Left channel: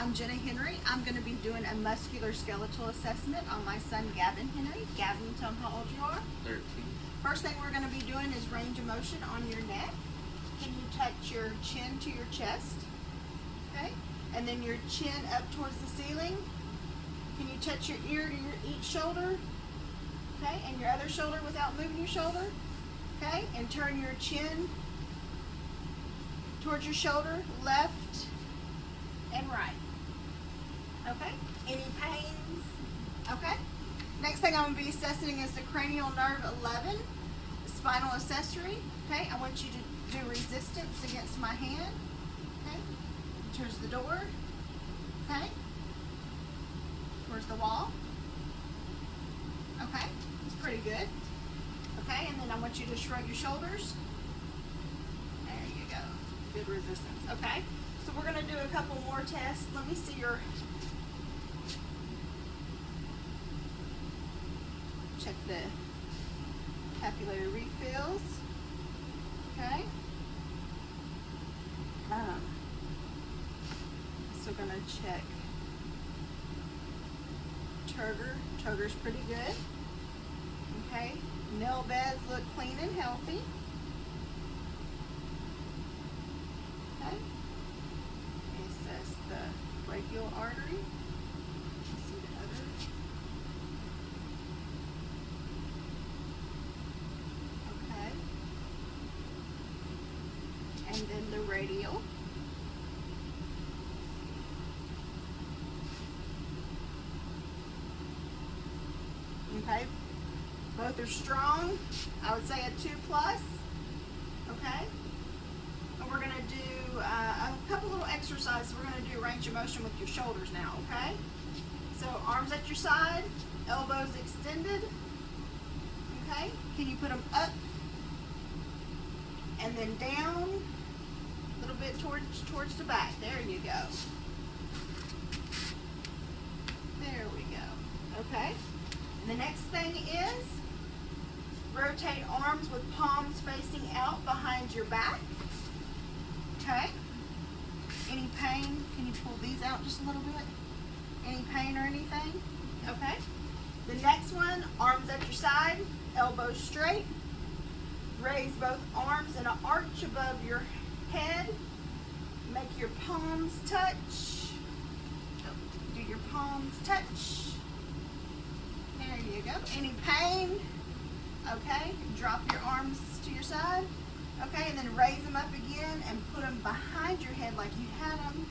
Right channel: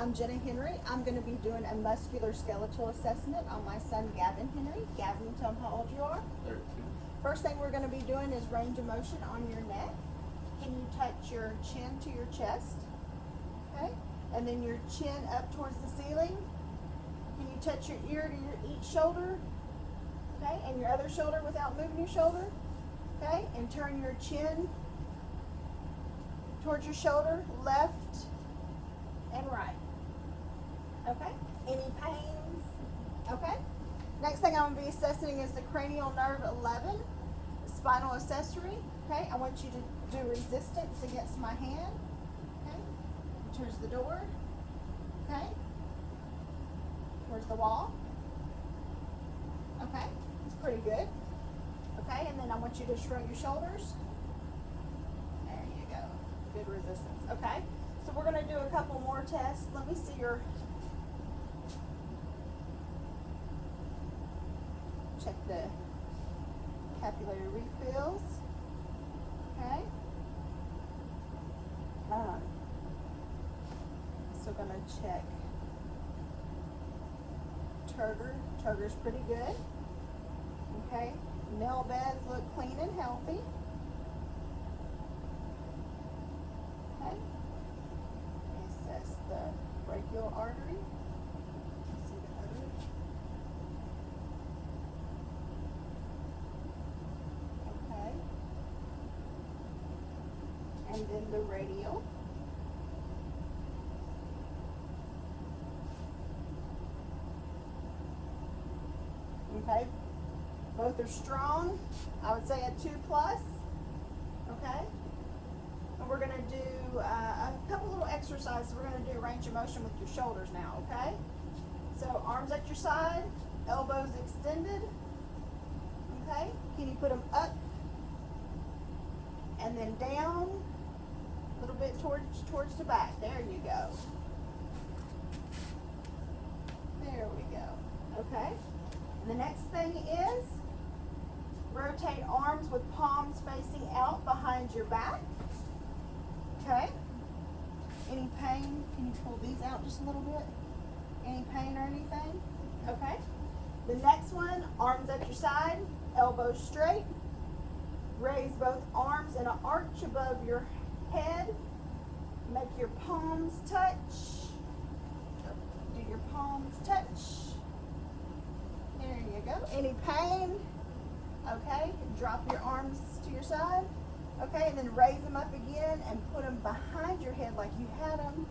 I'm Jenna Henry. I'm going to be doing a muscular skeletal assessment on my son Gavin Henry. Gavin, you tell him how old you are. 13. First thing we're going to be doing is range of motion on your neck. Can you touch your chin to your chest? Okay. And then your chin up towards the ceiling. Can you touch your ear to each shoulder? Okay. And your other shoulder without moving your shoulder. Okay. And turn your chin towards your shoulder, left and right. Okay. Any pains? Okay. Next thing I'm going to be assessing is the cranial nerve 11 spinal accessory. Okay. I want you to do resistance against my hand. Okay. Towards the door. Okay. Towards the wall. Okay. That's pretty good. Okay. And then I want you to shrug your shoulders. There you go. Good resistance. Okay. So we're going to do a couple more tests. Let me see your, check the capillary refills. Okay. So going to check turgor. Turgor's pretty good. Okay. Nail beds look clean and healthy. Okay. Assess the brachial artery. Let's see the other. Okay. And then the radial. Okay. Both are strong. I would say a 2+. Okay. And we're going to do a couple little exercises. We're going to do range of motion with your shoulders now, okay? So arms at your side, elbows extended, okay? Can you put them up and then down a little bit towards the back? There you go. There we go, okay? And the next thing is rotate arms with palms facing out behind your back. Okay. Any pain? Can you pull these out just a little bit? Any pain or anything? Okay. The next one, arms at your side, elbows straight. Raise both arms in an arch above your head. Make your palms touch. Do your palms touch? There you go. Any pain? Okay. Drop your arms to your side. Okay, and then raise them up again and put them behind your head like you had them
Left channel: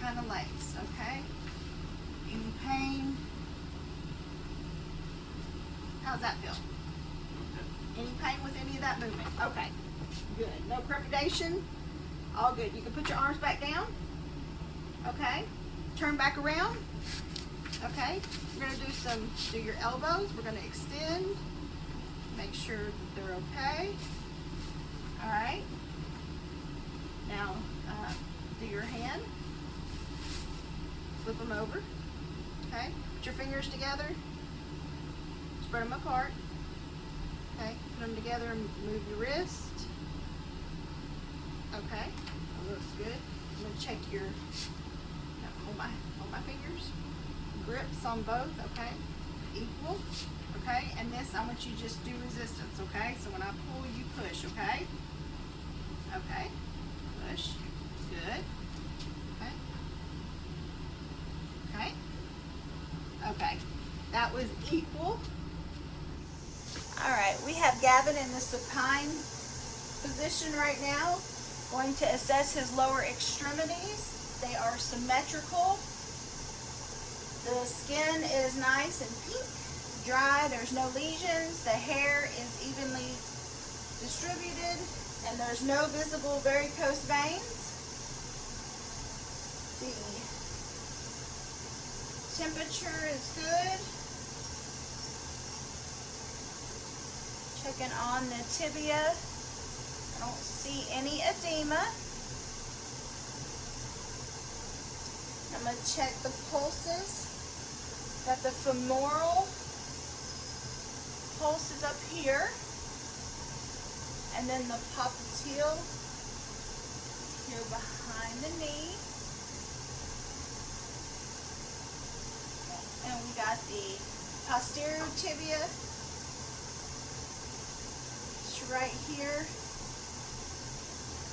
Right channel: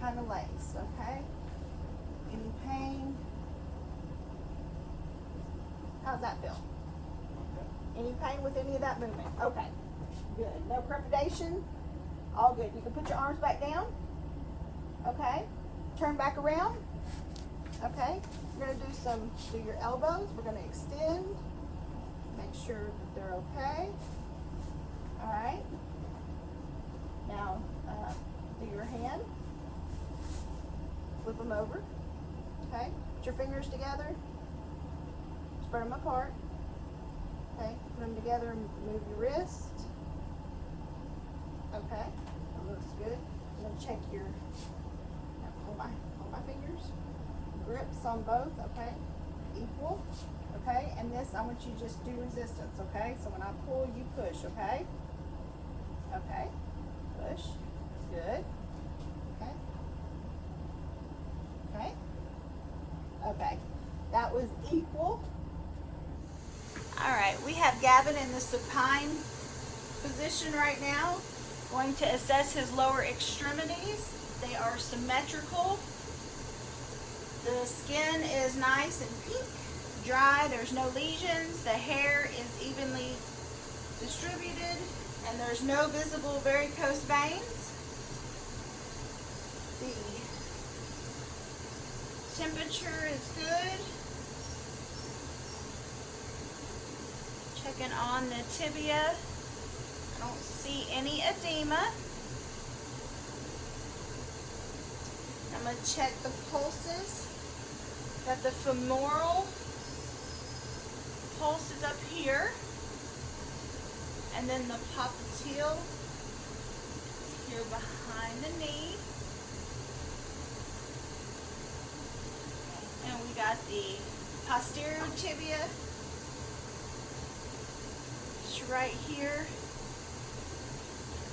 kind of laced, okay? Any pain? How's that feel? Okay. Any pain with any of that movement? Okay, good. No crepidation? All good. You can put your arms back down. Okay, turn back around. Okay, we're going to do your elbows. We're going to extend, make sure that they're okay. All right. Now, do your hand. Flip them over. Okay. Put your fingers together. Spread them apart. Okay. Put them together and move your wrist. Okay. That looks good. I'm going to check your, hold my fingers. Grips on both. Okay. Equal. Okay. And this, I want you to just do resistance. Okay. So when I pull, you push. Okay. Okay, push, good, okay, okay, okay, that was equal. All right, we have Gavin in the supine position right now, going to assess his lower extremities. They are symmetrical. The skin is nice and pink, dry, there's no lesions, the hair is evenly distributed, and there's no visible varicose veins. The temperature is good. Checking on the tibia. I don't see any edema. I'm going to check the pulses. Got the femoral pulses up here. And then the popliteal is here behind the knee. here.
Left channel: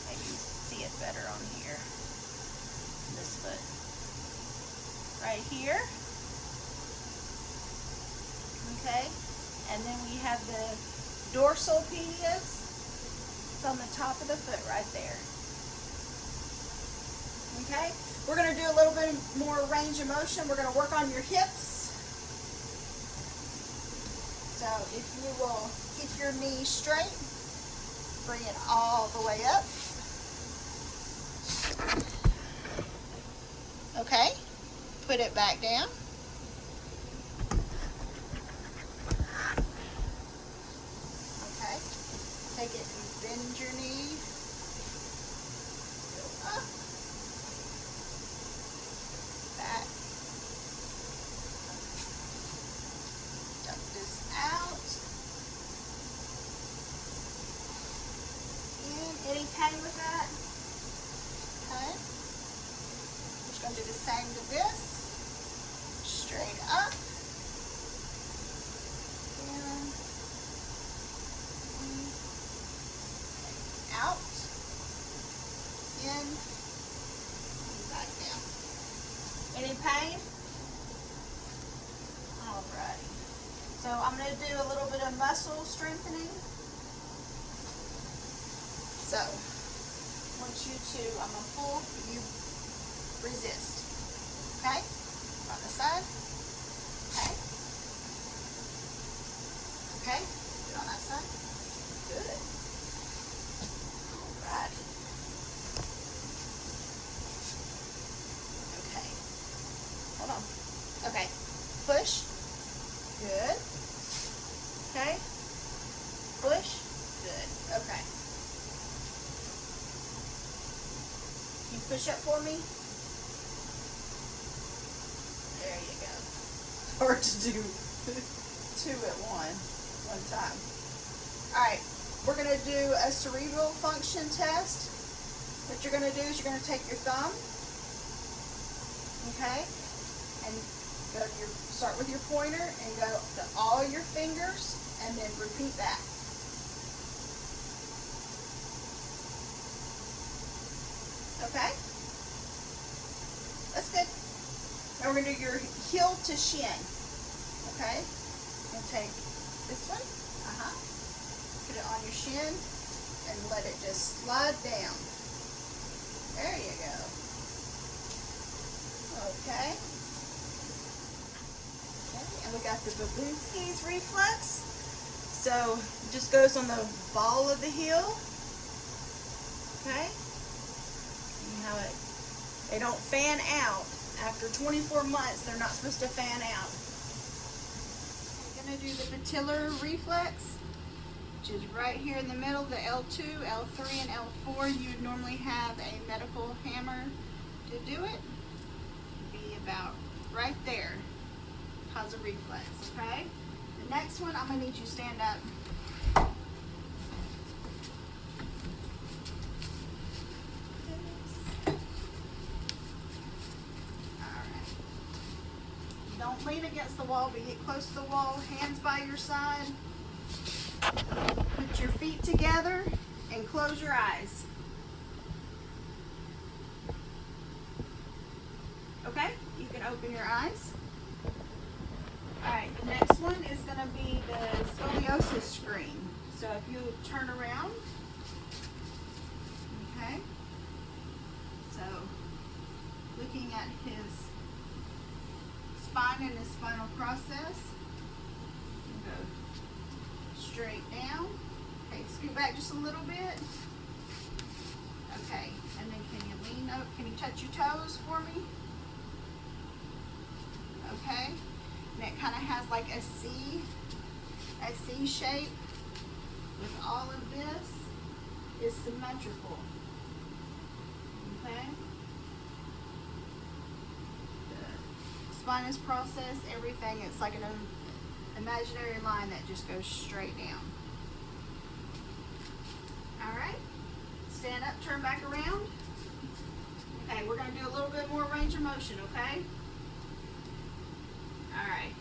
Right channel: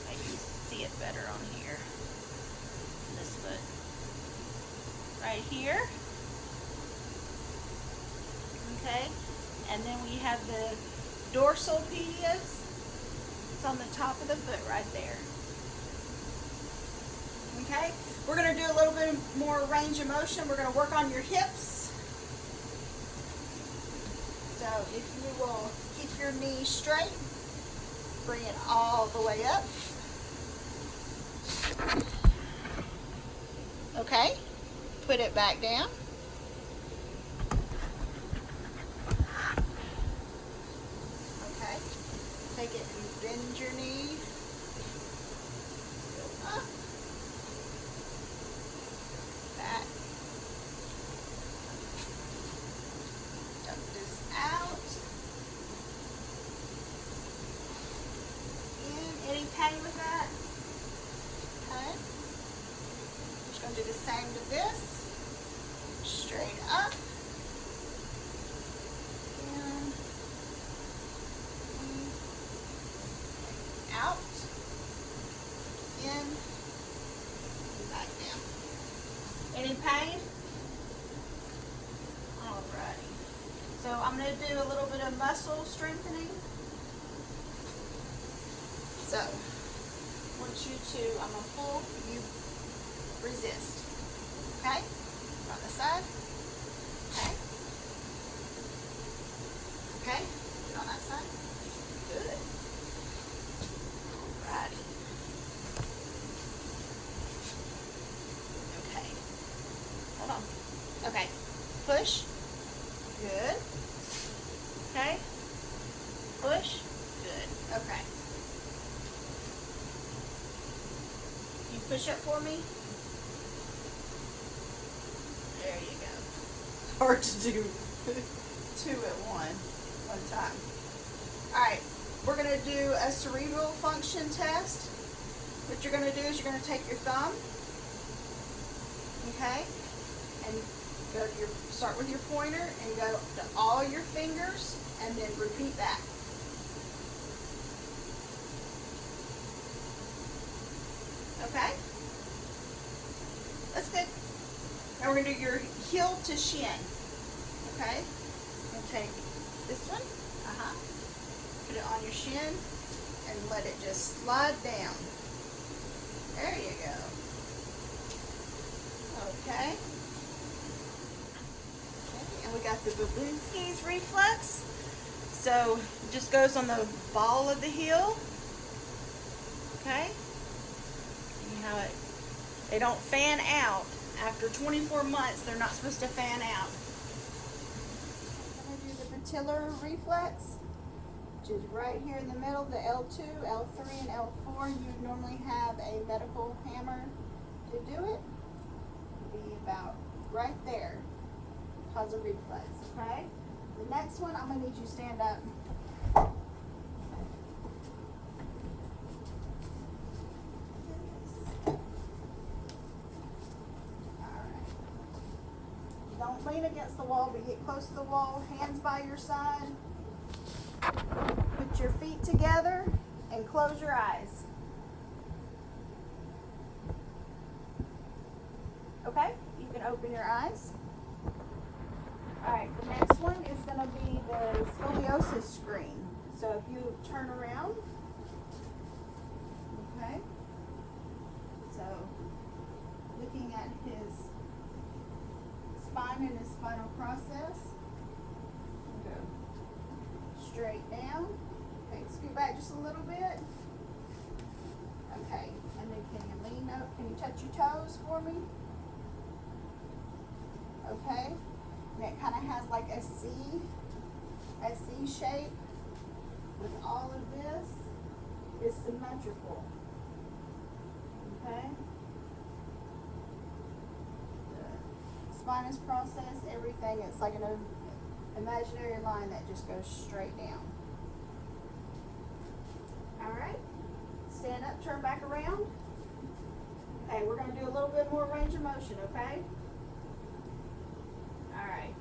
I can see it better on here. This foot. Right here. Okay. And then we have the dorsal medius. It's on the top of the foot right there. Okay. We're going to do a little bit more range of motion. We're going to work on your hips. So if you will keep your knee straight, bring it all the way up. Okay, put it back down. Okay, take it and bend your knee. Up. Back. Tuck this out. In. Any pain with that? Okay. Just going to do the same to this. Straight up. Down. In. Out. In. Back down. Any pain? Alright. So I'm going to do a little bit of muscle strengthening. So, I want you to, I'm going to pull, you resist. Okay? On the side. Okay. Okay? On that side. Good. Alright. Okay. Hold on. Okay. Push. Good. Okay. Push. Good. Okay. You push up for me? There you go. It's hard to do two at one time. Alright, we're going to do a cerebral function test. What you're going to do is you're going to take your thumb, okay, and start with your pointer and go to all your fingers and then repeat that. Okay? That's good. And we're going to do your heel to shin. Okay? And take this one. Put it on your shin and let it just slide down. There you go. Okay. And we got the Babinski's reflex. So it just goes on the ball of the heel. Okay? You know it. They don't fan out. After 24 months, they're not supposed to fan out. We're going to do the patellar reflex, which is right here in the middle, the L2, L3, and L4. You'd normally have a medical hammer to do it. Be about right there. Cause a reflex, okay? The next one, I'm going to need you to stand up. Don't lean against the wall, but get close to the wall, hands by your side. Put your feet together and close your eyes. Okay, you can open your eyes. Alright, the next one is going to be the scoliosis screen. So if you turn around, okay, so looking at his spine and his spinal process. Go straight down. Okay, scoot back just a little bit. Okay, and then can you lean up? Can you touch your toes for me? Okay, and it kind of has like a C shape. With all of this is symmetrical. Okay. Spinous process, everything, it's like an imaginary line that just goes straight down. Alright, stand up, turn back around. Okay, we're going to do a little bit more range of motion, okay? Alright,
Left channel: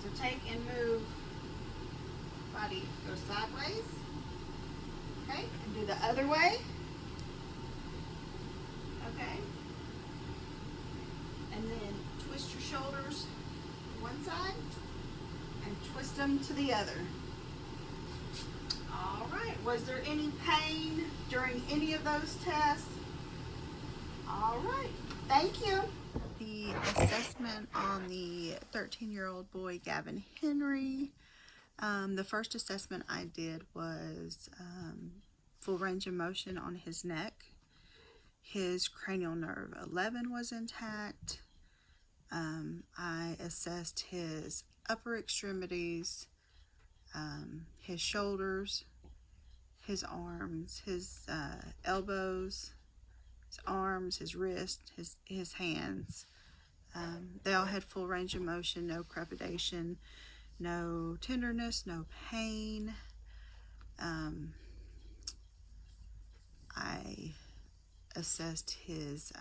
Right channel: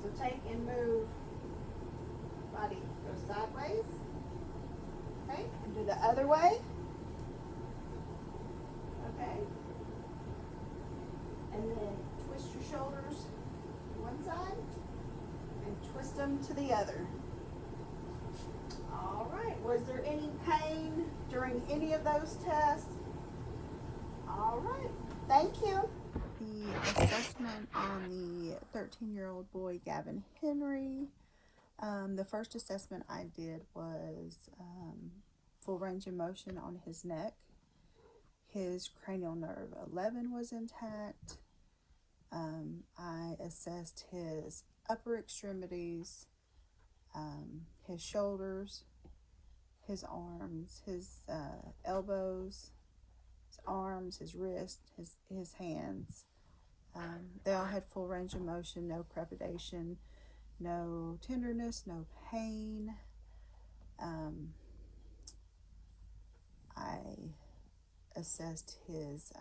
so take and move, body goes sideways, Okay, and do the other way. Okay. And then twist your shoulders to one side and twist them to the other. All right, was there any pain during any of those tests? All right, thank you. The assessment on the 13-year-old boy, Gavin Henry. The first assessment I did was full range of motion on his neck. His cranial nerve 11 was intact. I assessed his upper extremities, his shoulders, his arms, his elbows, his arms, his wrist, his hands. They all had full range of motion, no crepidation, no tenderness, no pain. I assessed his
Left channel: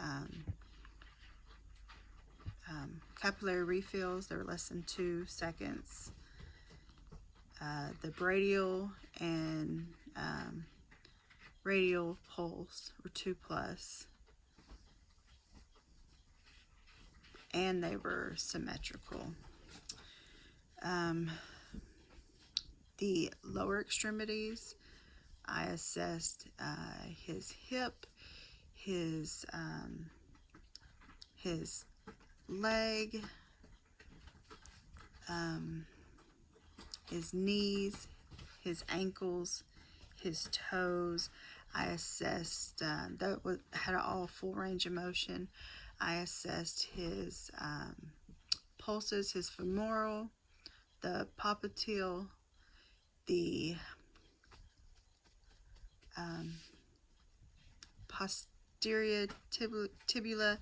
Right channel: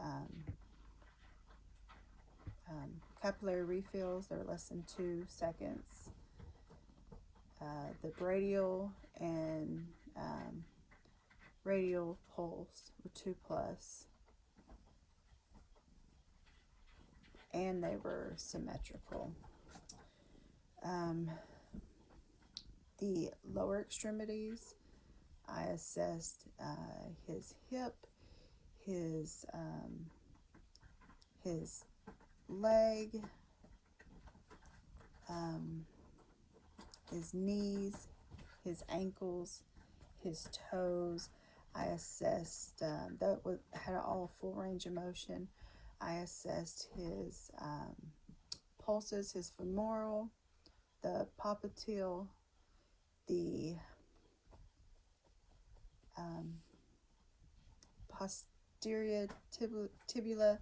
capillary refills. They were less than 2 seconds. The brachial and radial pulse were 2+, and they were symmetrical. The lower extremities, I assessed his hip, his leg, his knees, his ankles, his toes. I assessed that had all full range of motion. I assessed his pulses, his femoral, the popliteal, the posterior tibula,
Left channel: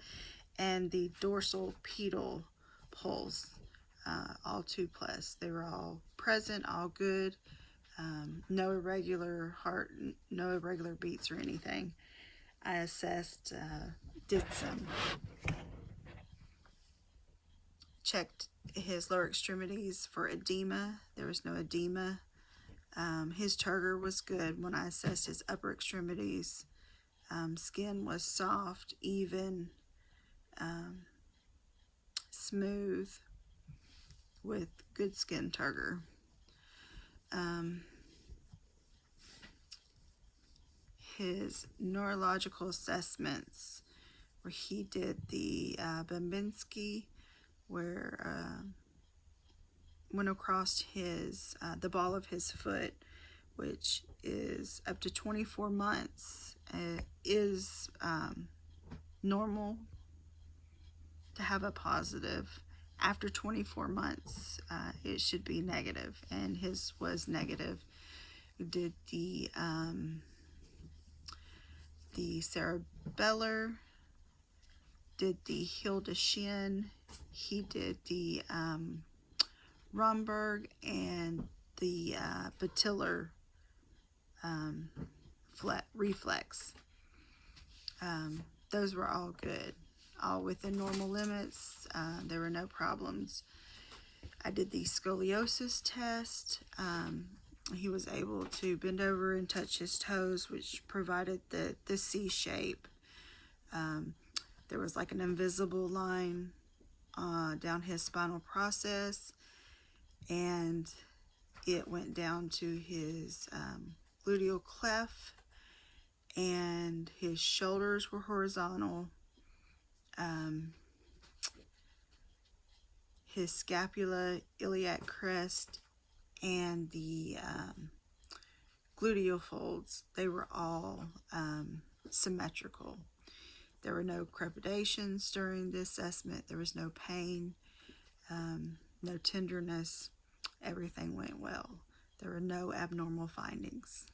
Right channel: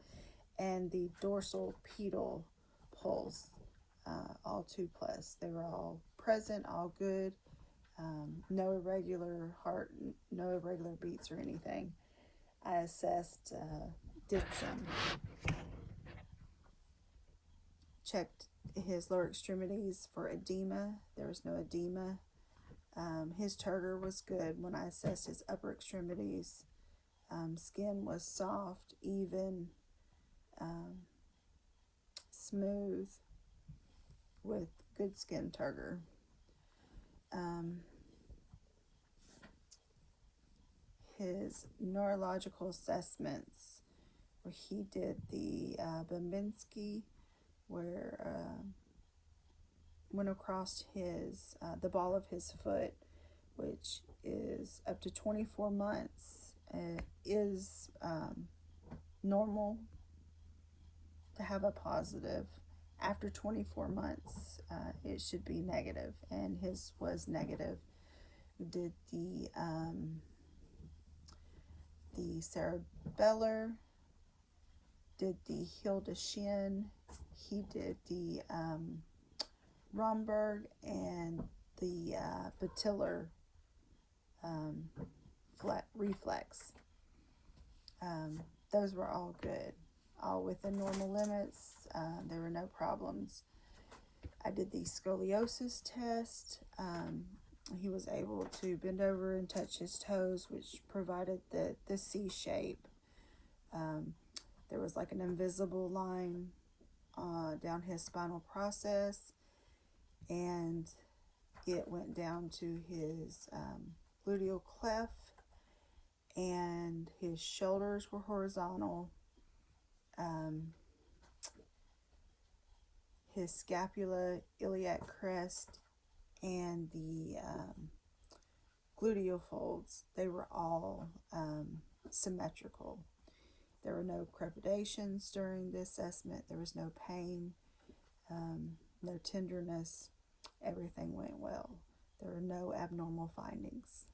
and the dorsal pedal pulse, all 2+. They were all present, all good, no irregular heart, no irregular beats or anything. I assessed Ditson. Checked his lower extremities for edema. There was no edema. His turgor was good. When I assessed his upper extremities, skin was soft, even, smooth, with good skin turgor. His neurological assessments, where he did the Babinski, where went across his the ball of his foot, which is up to 24 months, is normal to have a positive. After 24 months, it should be negative, and his was negative. We did the cerebellar, did the Hildesheim, he did the Romberg, and the patellar reflex. Those were all good, all within normal limits. There were no problems. I did the scoliosis test. He was able to bend over and touch his toes, which provided the C shape. There was like an invisible line down his spinal process, and it went down to his gluteal cleft, and his shoulders were horizontal. His scapula, iliac crest, and the gluteal folds, they were all symmetrical. There were no crepidations during the assessment. There was no pain, no tenderness. Everything went well. There were no abnormal findings.